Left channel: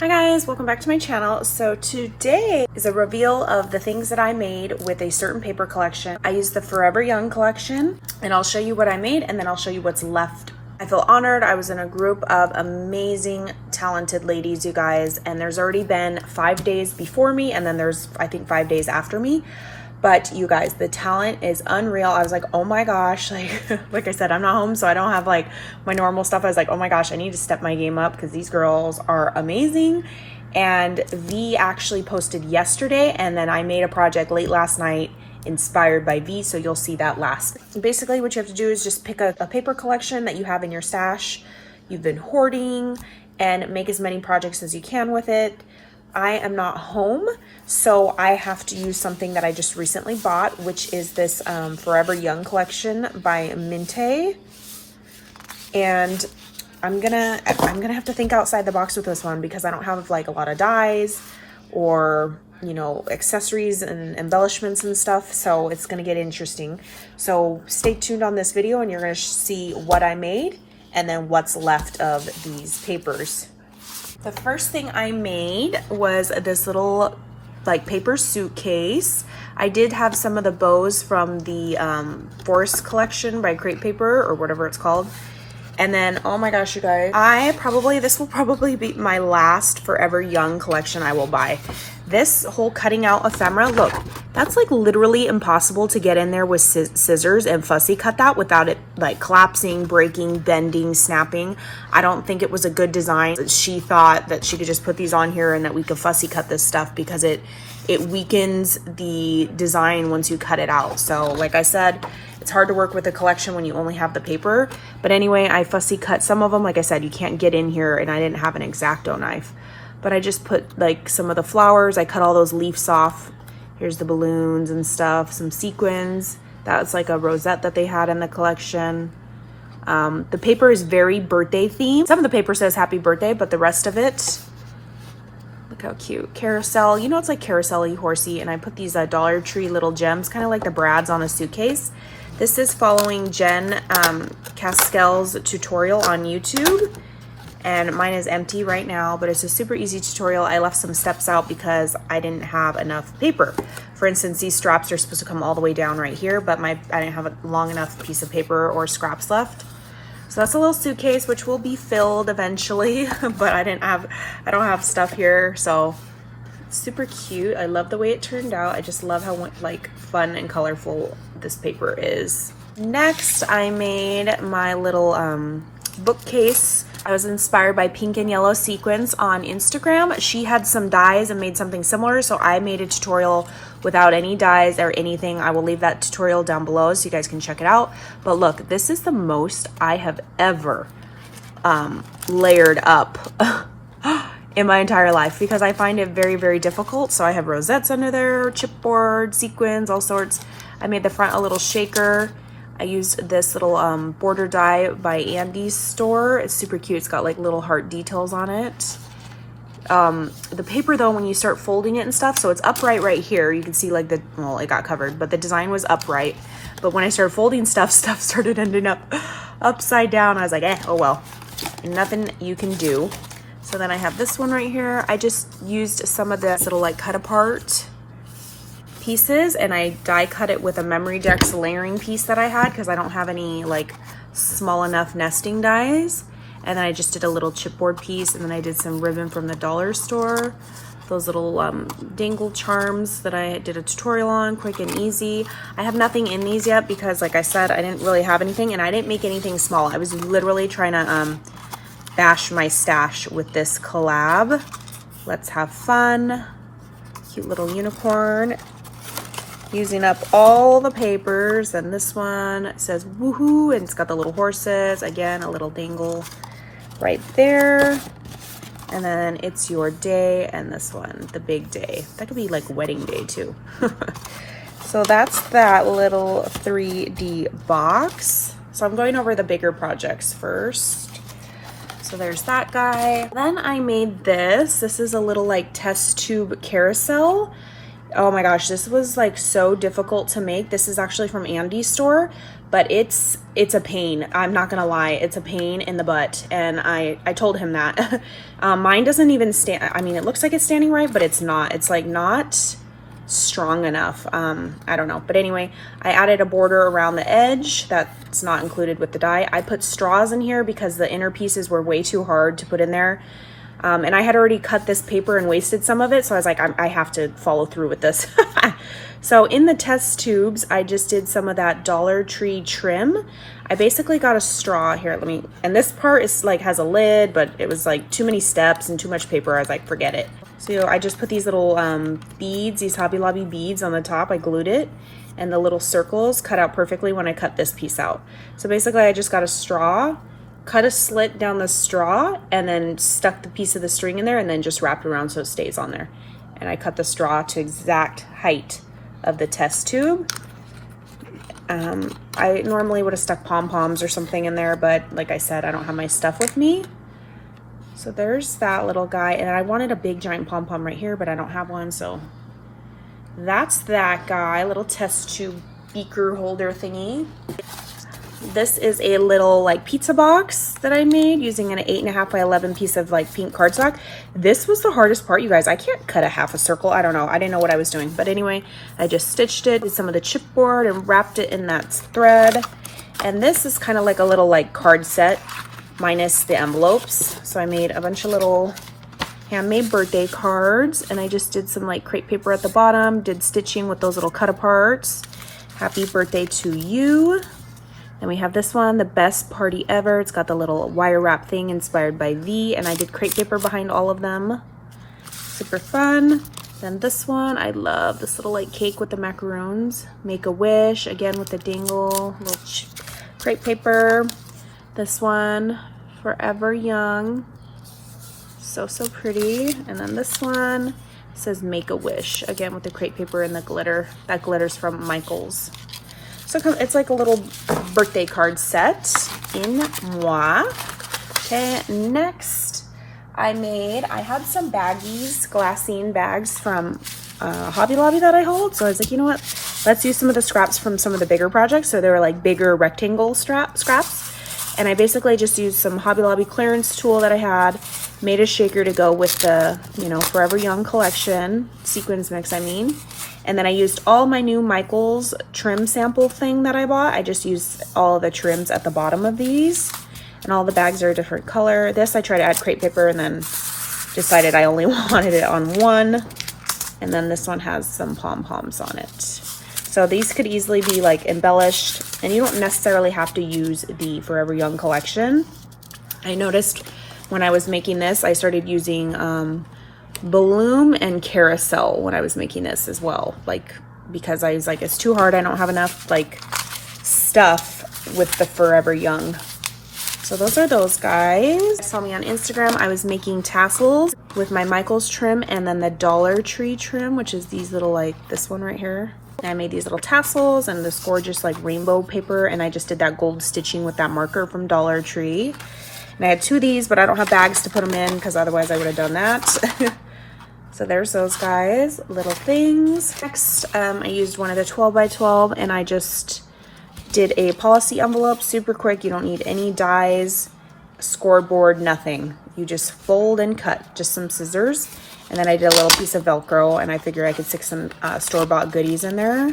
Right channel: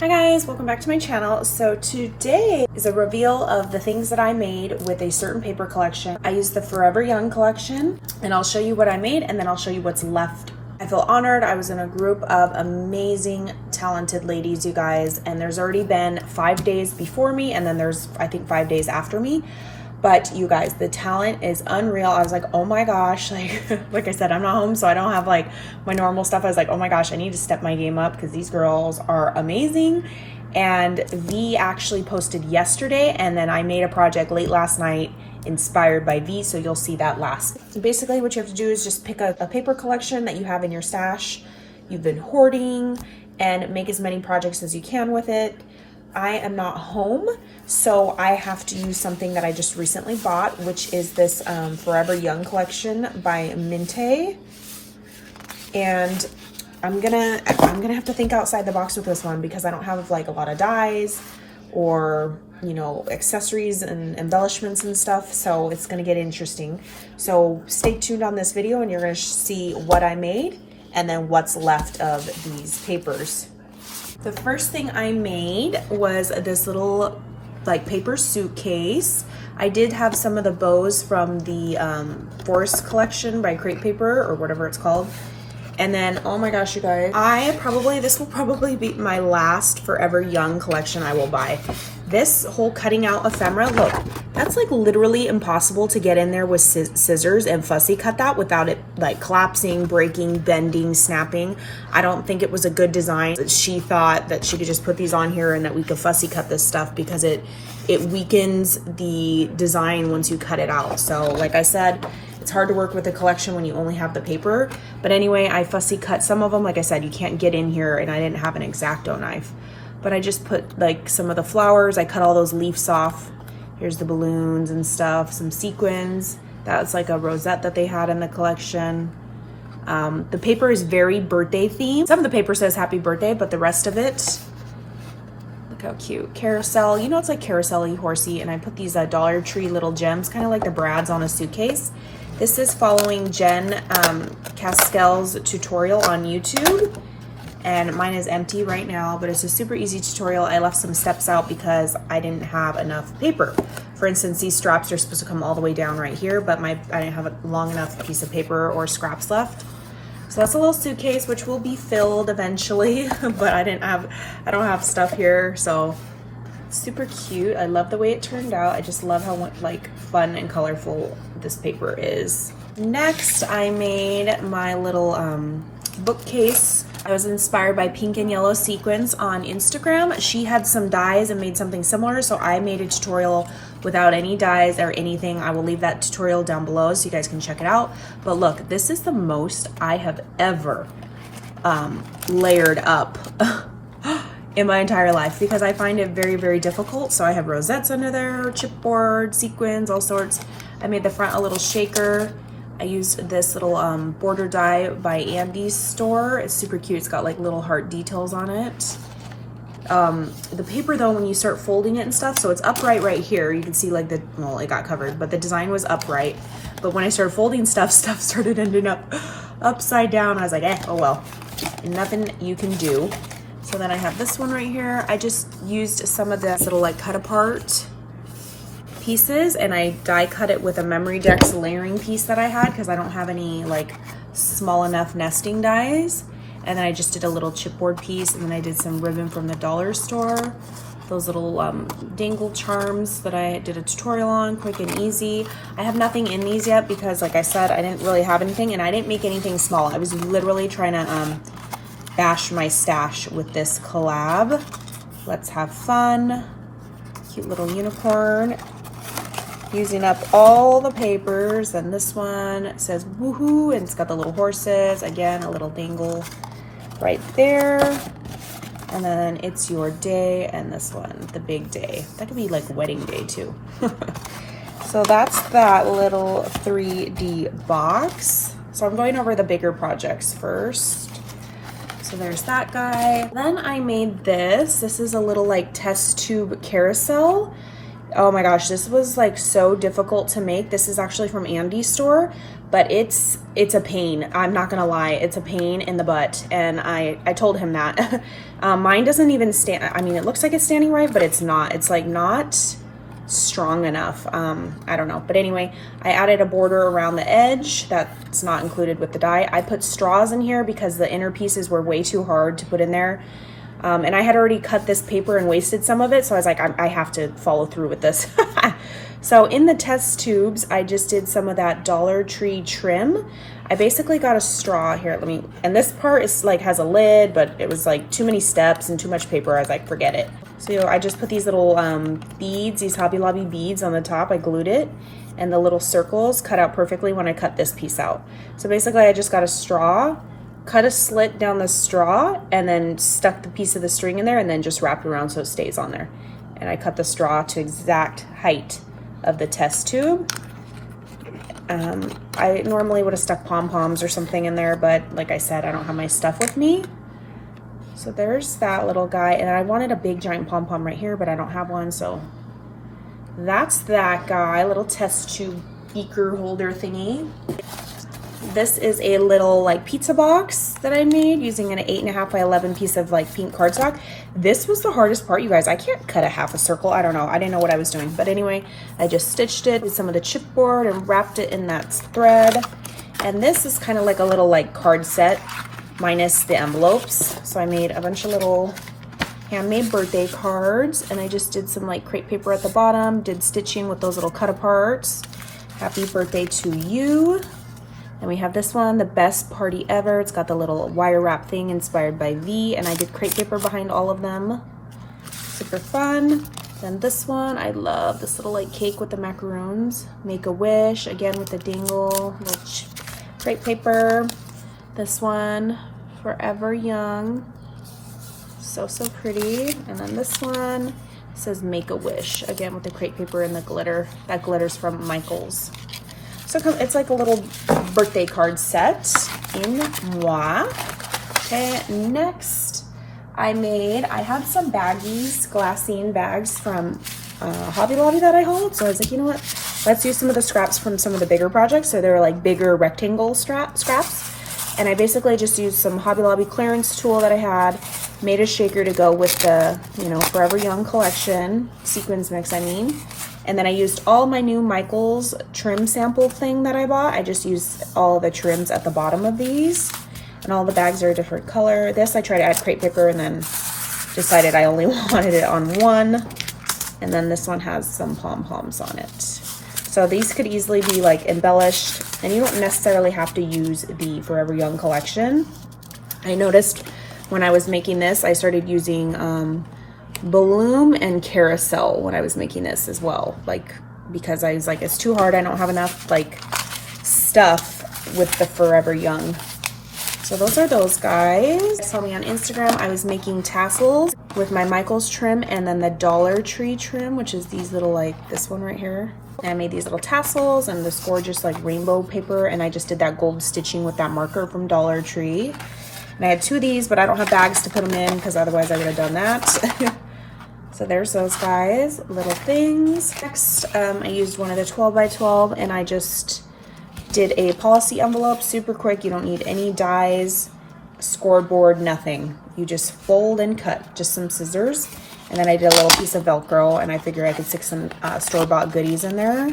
Hi guys, welcome back to my channel. So today is a reveal of the things that I made with a certain paper collection. I used the Forever Young collection, and I'll show you what I made and then I'll show you what's left. I feel honored. I was in a group of amazing, talented ladies, you guys, and there's already been 5 days before me and then there's, I think, 5 days after me. But you guys, the talent is unreal. I was like, oh my gosh, like I said, I'm not home, so I don't have like my normal stuff. I was like, oh my gosh, I need to step my game up because these girls are amazing. And V actually posted yesterday, and then I made a project late last night inspired by V, so you'll see that last. Basically, what you have to do is just pick a paper collection that you have in your stash, you've been hoarding, and make as many projects as you can with it. I am not home, so I have to use something that I just recently bought, which is this Forever Young collection by Minte. And I'm gonna have to think outside the box with this one because I don't have like a lot of dyes or, you know, accessories and embellishments and stuff, so it's gonna get interesting. So stay tuned on this video and you're gonna see what I made and then what's left of these papers. The first thing I made was this little like paper suitcase. I did have some of the bows from the Forest collection by Crate Paper or whatever it's called. And then, oh my gosh, you guys, this will probably be my last Forever Young collection I will buy. This whole cutting out ephemera, look, that's like literally impossible to get in there with scissors and fussy cut that without it like collapsing, breaking, bending, snapping. I don't think it was a good design. She thought that she could just put these on here and that we could fussy cut this stuff because it weakens the design once you cut it out. So like I said, it's hard to work with a collection when you only have the paper. But anyway, I fussy cut some of them. Like I said, you can't get in here, and I didn't have an X-Acto knife. But I just put like some of the flowers. I cut all those leaves off. Here's the balloons and stuff, some sequins. That's like a rosette that they had in the collection. The paper is very birthday themed. Some of the paper says happy birthday, but the rest of it, look how cute. Carousel, you know, it's like carousel-y, horsey. And I put these Dollar Tree little gems, kind of like the brads on a suitcase. This is following Jen Caskell's tutorial on YouTube, and mine is empty right now, but it's a super easy tutorial. I left some steps out because I didn't have enough paper. For instance, these straps are supposed to come all the way down right here, but I didn't have a long enough piece of paper or scraps left. So that's a little suitcase, which will be filled eventually, but I don't have stuff here, so super cute. I love the way it turned out. I just love how like fun and colorful this paper is. Next, I made my little bookcase. I was inspired by pink and yellow sequins on Instagram. She had some dyes and made something similar, so I made a tutorial without any dyes or anything. I will leave that tutorial down below so you guys can check it out. But look, this is the most I have ever layered up in my entire life because I find it very, very difficult. So I have rosettes under there, chipboard, sequins, all sorts. I made the front a little shaker. I used this little border die by Andy's store. It's super cute. It's got like little heart details on it. The paper though, when you start folding it and stuff, so it's upright right here. You can see like well, it got covered, but the design was upright. But when I started folding stuff started ending up upside down. I was like, oh well, nothing you can do. So then I have this one right here. I just used some of this little like cut apart pieces and I die cut it with a Memory Dex layering piece that I had because I don't have any like small enough nesting dies. And then I just did a little chipboard piece, and then I did some ribbon from the dollar store. Those little dangle charms that I did a tutorial on, quick and easy. I have nothing in these yet because like I said, I didn't really have anything and I didn't make anything small. I was literally trying to bash my stash with this collab. Let's have fun. Cute little unicorn. Using up all the papers. And this one says woohoo, and it's got the little horses. Again, a little dangle right there. And then it's your day, and this one, the big day. That could be like wedding day too. So that's that little 3D box. So I'm going over the bigger projects first. So there's that guy. Then I made this. This is a little like test tube carousel. Oh my gosh, this was like so difficult to make. This is actually from Andy's store, but it's a pain. I'm not gonna lie, it's a pain in the butt. And I told him that Mine doesn't even stand, I mean, it looks like it's standing right, but it's not. It's like not strong enough. I don't know. But anyway, I added a border around the edge that's not included with the die. I put straws in here because the inner pieces were way too hard to put in there. And I had already cut this paper and wasted some of it. So I was like, I have to follow through with this. So in the test tubes, I just did some of that Dollar Tree trim. I basically got a straw here. And this part is like has a lid, but it was like too many steps and too much paper. I was like, forget it. So I just put these little beads, these Hobby Lobby beads on the top. I glued it, and the little circles cut out perfectly when I cut this piece out. So basically I just got a straw, cut a slit down the straw, and then stuck the piece of the string in there, and then just wrapped it around so it stays on there. And I cut the straw to exact height of the test tube. I normally would have stuck pom-poms or something in there, but like I said, I don't have my stuff with me. So there's that little guy, and I wanted a big giant pom-pom right here, but I don't have one, so that's that guy, little test tube beaker holder thingy. This is a little like pizza box that I made using an 8.5 by 11 piece of like pink cardstock. This was the hardest part, you guys. I can't cut a half a circle. I don't know. I didn't know what I was doing. But anyway, I just stitched it with some of the chipboard and wrapped it in that thread. And this is kind of like a little like card set minus the envelopes. So I made a bunch of little handmade birthday cards, and I just did some like crepe paper at the bottom, did stitching with those little cut aparts. Happy birthday to you. And we have this one, the best party ever. It's got the little wire wrap thing inspired by V, and I did crepe paper behind all of them. Super fun. Then this one, I love this little like cake with the macaroons. Make a wish, again with the dingle, little crepe paper. This one, Forever Young. So pretty. And then this one says Make a Wish, again with the crepe paper and the glitter. That glitter's from Michael's. So it's like a little birthday card set in moi. Okay, next I had some baggies, glassine bags from Hobby Lobby that I hauled. So I was like, you know what? Let's use some of the scraps from some of the bigger projects. So they were like bigger rectangle scraps. And I basically just used some Hobby Lobby clearance tool that I had, made a shaker to go with the, you know, Forever Young collection, sequins mix, I mean. And then I used all my new Michael's trim sample thing that I bought. I just used all of the trims at the bottom of these. And all the bags are a different color. This I tried to add crepe paper and then decided I only wanted it on one. And then this one has some pom-poms on it. So these could easily be like embellished, and you don't necessarily have to use the Forever Young collection. I noticed when I was making this, I started using Bloom and Carousel when I was making this as well, like because I was like, it's too hard, I don't have enough like stuff with the Forever Young. So those are those guys. You saw me on Instagram, I was making tassels with my Michael's trim and then the Dollar Tree trim, which is these little like this one right here. And I made these little tassels and this gorgeous like rainbow paper, and I just did that gold stitching with that marker from Dollar Tree. And I had two of these, but I don't have bags to put them in because otherwise I would have done that. So there's those guys, little things. Next, I used one of the 12 by 12 and I just did a policy envelope, super quick. You don't need any dies, scoreboard, nothing. You just fold and cut, just some scissors. And then I did a little piece of Velcro, and I figured I could stick some store-bought goodies in there.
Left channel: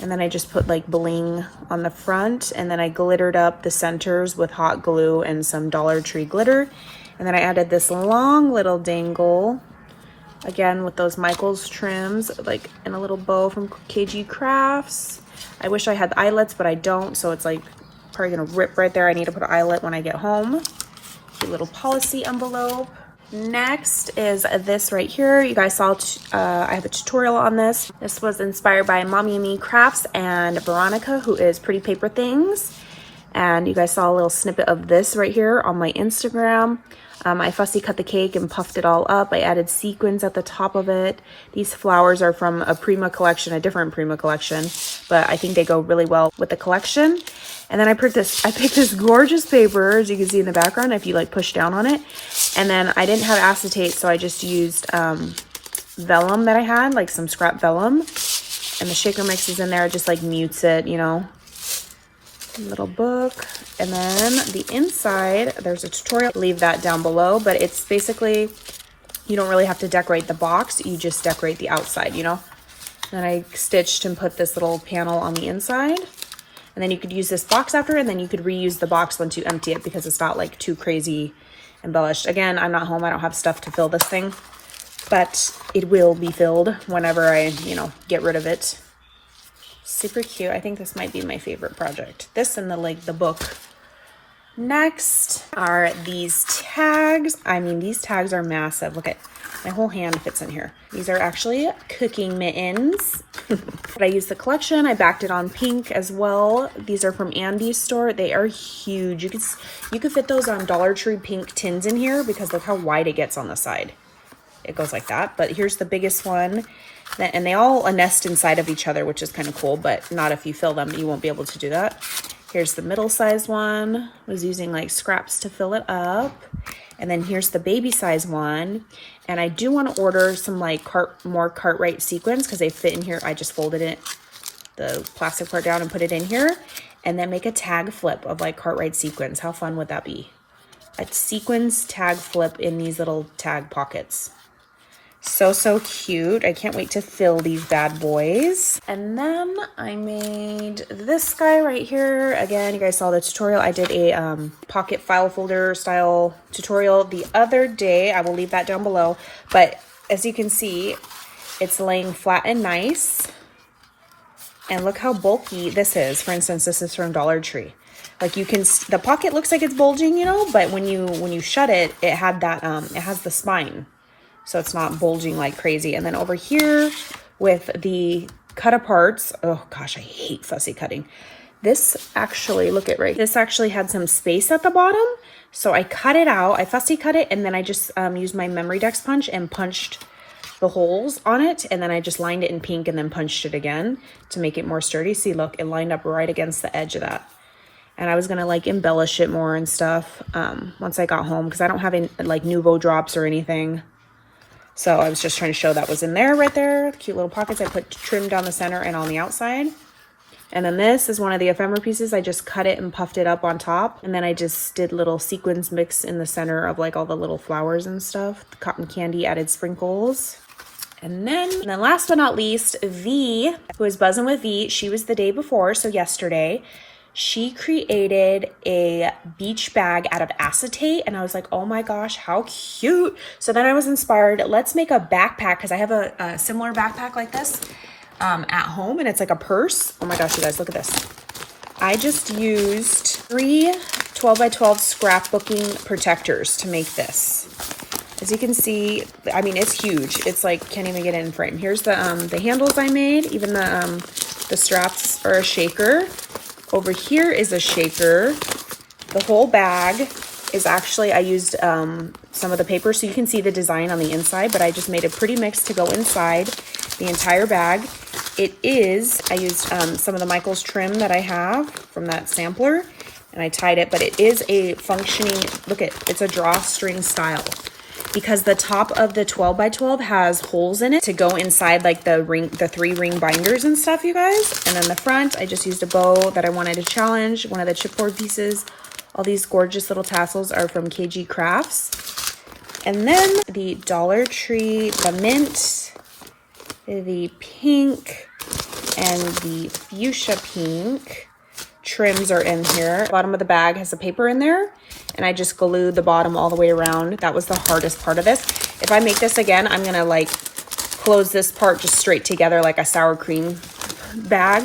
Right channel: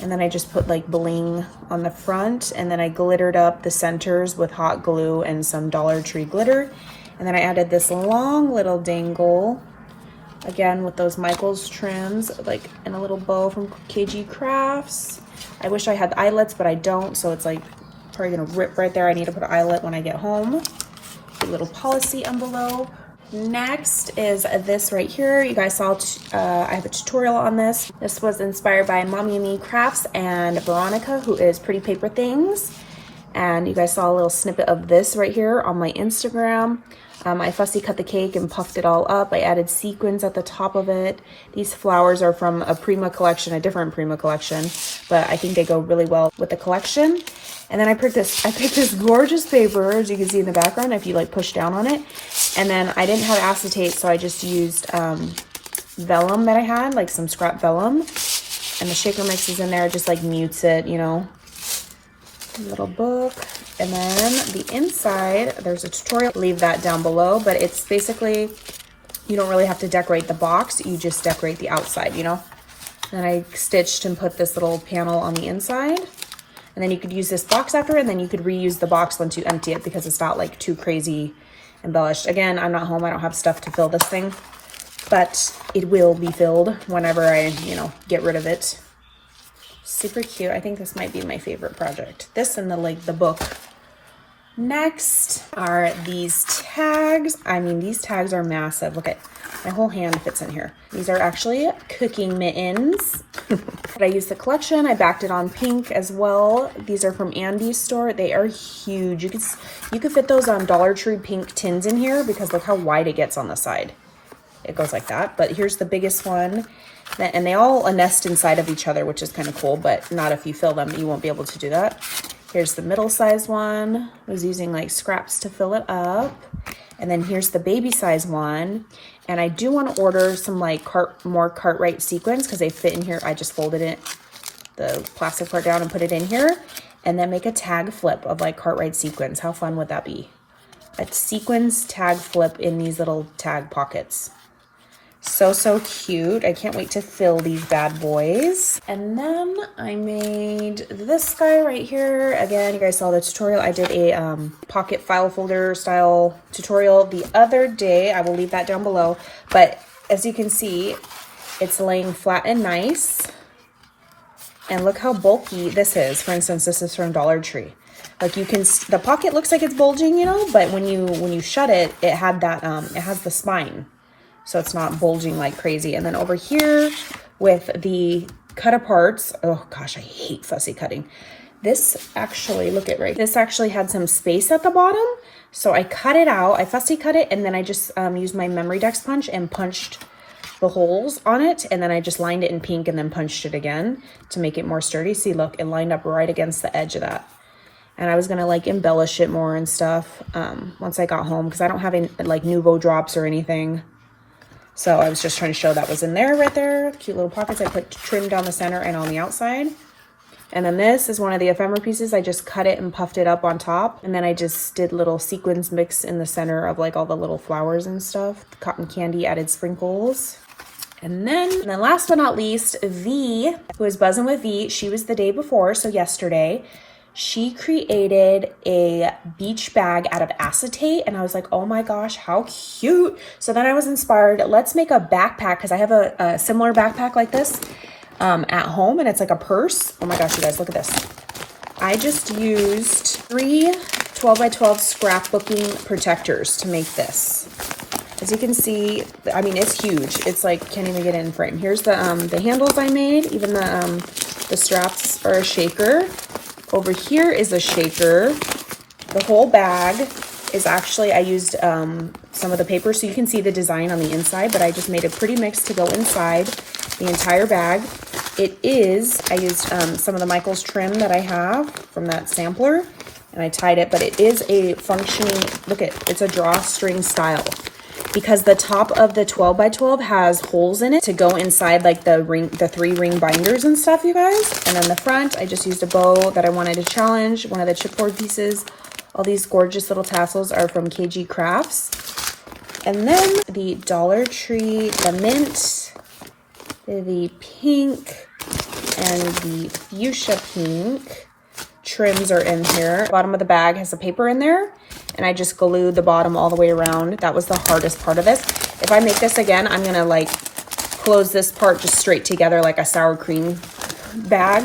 And then I just put like bling on the front, and then I glittered up the centers with hot glue and some Dollar Tree glitter. And then I added this long little dangle, again with those Michael's trims, like in a little bow from KG Crafts. I wish I had the eyelets, but I don't, so it's like probably gonna rip right there. I need to put an eyelet when I get home. A little policy envelope. Next is this right here. You guys saw I have a tutorial on this. This was inspired by mommynmecrafts and Veronica, who is Pretty Paper Things. And you guys saw a little snippet of this right here on my Instagram. I fussy cut the cake and puffed it all up. I added sequins at the top of it. These flowers are from a Prima collection, a different Prima collection, but I think they go really well with the collection. And then I picked this gorgeous paper, as you can see in the background, if you like push down on it. And then I didn't have acetate, so I just used vellum that I had, like some scrap vellum. And the shaker mix is in there, just like mutes it, you know. Little book, and then the inside, there's a tutorial. Leave that down below, but it's basically, you don't really have to decorate the box, you just decorate the outside, you know? And I stitched and put this little panel on the inside, and then you could use this box after, and then you could reuse the box once you empty it because it's not like too crazy embellished. Again, I'm not home, I don't have stuff to fill this thing, but it will be filled whenever I, you know, get rid of it. Super cute. I think this might be my favorite project. This and the book. Next are these tags. I mean, these tags are massive. Look at my whole hand fits in here. These are actually cooking mittens. But I used the collection. I backed it on pink as well. These are from Andy's store. They are huge. You could fit those on Dollar Tree pink tins in here because look how wide it gets on the side. It goes like that. But here's the biggest one. And they all nest inside of each other, which is kind of cool, but not if you fill them, you won't be able to do that. Here's the middle-sized one. I was using like scraps to fill it up. And then here's the baby size one. And I do want to order some like more Cartwright sequins because they fit in here. I just folded it, the plastic part down and put it in here. And then make a tag flip of like Cartwright sequins. How fun would that be? A sequins tag flip in these little tag pockets. So cute. I can't wait to fill these bad boys. And then I made this guy right here. Again, you guys saw the tutorial. I did a pocket file folder style tutorial the other day. I will leave that down below. But as you can see, it's laying flat and nice. And look how bulky this is. For instance, this is from Dollar Tree. Like you can, the pocket looks like it's bulging, you know, but when you shut it, it had that, it has the spine. So it's not bulging like crazy. And then over here with the cut aparts, oh gosh, I hate fussy cutting. This actually, look at this actually had some space at the bottom. So I cut it out, I fussy cut it, and then I just used my Memory Dex punch and punched the holes on it. And then I just lined it in pink and then punched it again to make it more sturdy. See, look, it lined up right against the edge of that. And I was gonna like embellish it more and stuff once I got home because I don't have any like Nuvo drops or anything. So I was just trying to show that was in there right there. Cute little pockets. I put trim down the center and on the outside. And then this is one of the ephemera pieces. I just cut it and puffed it up on top. And then I just did little sequins mix in the center of like all the little flowers and stuff. The cotton candy added sprinkles. And then last but not least, V, who is Buzzin' with V, she was the day before, so yesterday. She created a beach bag out of acetate, and I was like, oh my gosh, how cute. So then I was inspired, let's make a backpack, because I have a similar backpack like this at home, and it's like a purse. Oh my gosh, you guys, look at this. I just used 3 12x12 scrapbooking protectors to make this. As you can see, I mean, it's huge. It's like, can't even get in frame. Here's the handles I made. Even the straps are a shaker. Over here is a shaker. The whole bag is actually, I used some of the paper so you can see the design on the inside, but I just made a pretty mix to go inside the entire bag. It is, I used some of the Michaels trim that I have from that sampler, and I tied it, but it is a functioning, look at, it's a drawstring style. Because the top of the 12x12 has holes in it to go inside like the 3-ring binders and stuff, you guys. And then the front, I just used a bow that I wanted to challenge, one of the chipboard pieces. All these gorgeous little tassels are from KG Crafts. And then the Dollar Tree, the mint, the pink, and the fuchsia pink trims are in here. The bottom of the bag has the paper in there, and I just glued the bottom all the way around. That was the hardest part of this. If I make this again, I'm gonna like close this part just straight together like a sour cream bag.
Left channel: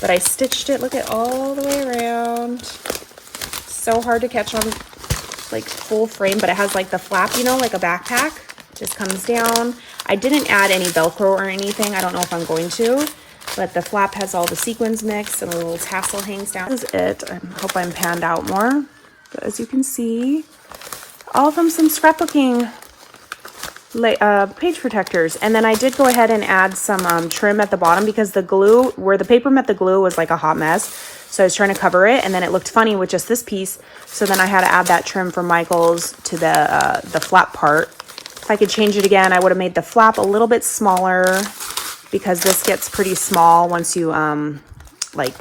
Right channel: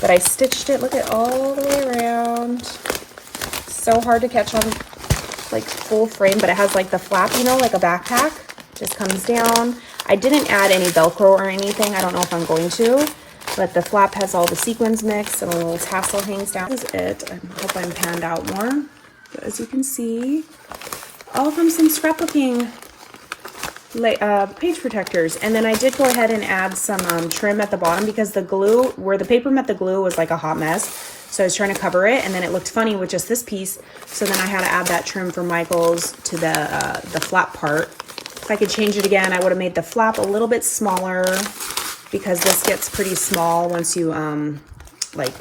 But I stitched it, look at all the way around. So hard to catch on like full frame, but it has like the flap, you know, like a backpack. Just comes down. I didn't add any Velcro or anything. I don't know if I'm going to. But the flap has all the sequins mixed and a little tassel hangs down. This is it. I hope I'm panned out more. But as you can see, all from some scrapbooking page protectors. And then I did go ahead and add some trim at the bottom because the glue, where the paper met the glue, was like a hot mess. So I was trying to cover it, and then it looked funny with just this piece. So then I had to add that trim from Michaels to the flap part. If I could change it again, I would have made the flap a little bit smaller, because this gets pretty small once you like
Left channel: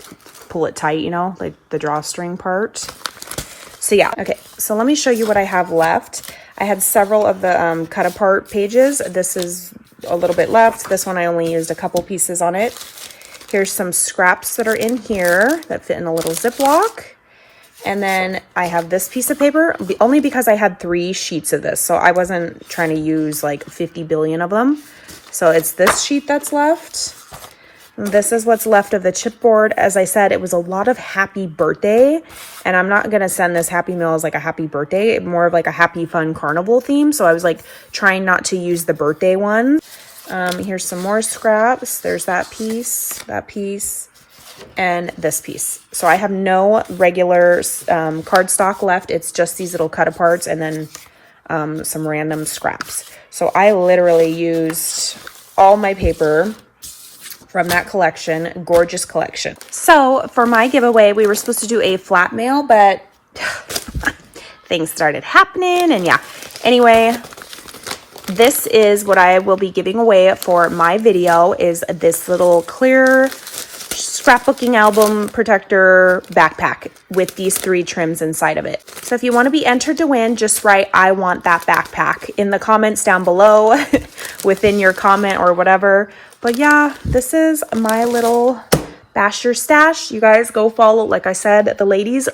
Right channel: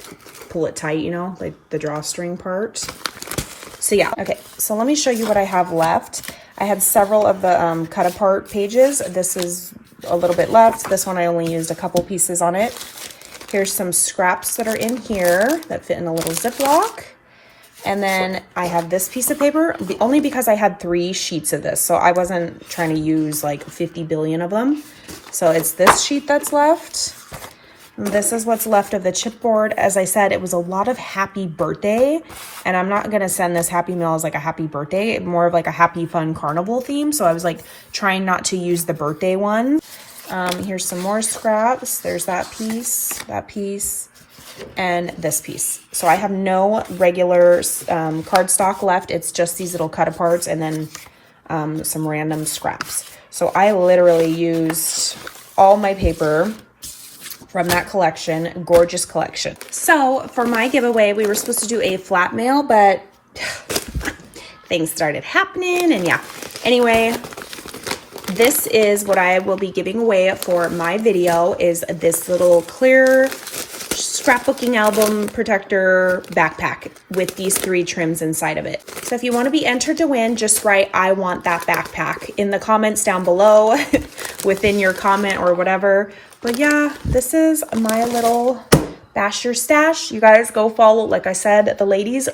pull it tight, you know, like the drawstring part. So yeah, okay, so let me show you what I have left. I had several of the cut apart pages. This is a little bit left. This one I only used a couple pieces on it. Here's some scraps that are in here that fit in a little Ziploc. And then I have this piece of paper, only because I had 3 sheets of this. So I wasn't trying to use like 50 billion of them. So it's this sheet that's left. And this is what's left of the chipboard. As I said, it was a lot of happy birthday. And I'm not going to send this happy mail as like a happy birthday, more of like a happy fun carnival theme. So I was like trying not to use the birthday one. Here's some more scraps. There's that piece, and this piece. So I have no regular cardstock left. It's just these little cut aparts and then some random scraps. So I literally used all my paper from that collection, gorgeous collection. So for my giveaway, we were supposed to do a flat mail, but things started happening, and yeah. Anyway, this is what I will be giving away for my video, is this little clear scrapbooking album protector backpack with these 3 trims inside of it. So if you want to be entered to win, just write "I want that backpack" in the comments down below within your comment or whatever. But yeah, this is my little Bash Your Stash. You guys go follow, like I said, the ladies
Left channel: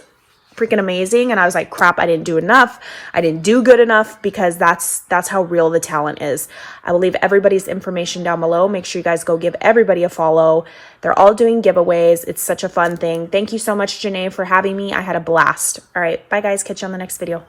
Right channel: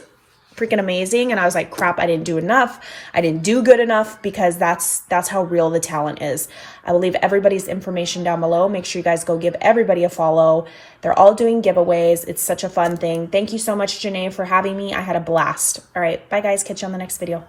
freaking amazing, and I was like, crap, I didn't do enough. I didn't do good enough, because that's how real the talent is. I will leave everybody's information down below. Make sure you guys go give everybody a follow. They're all doing giveaways. It's such a fun thing. Thank you so much, Janai, for having me. I had a blast. All right, bye guys, catch you on the next video.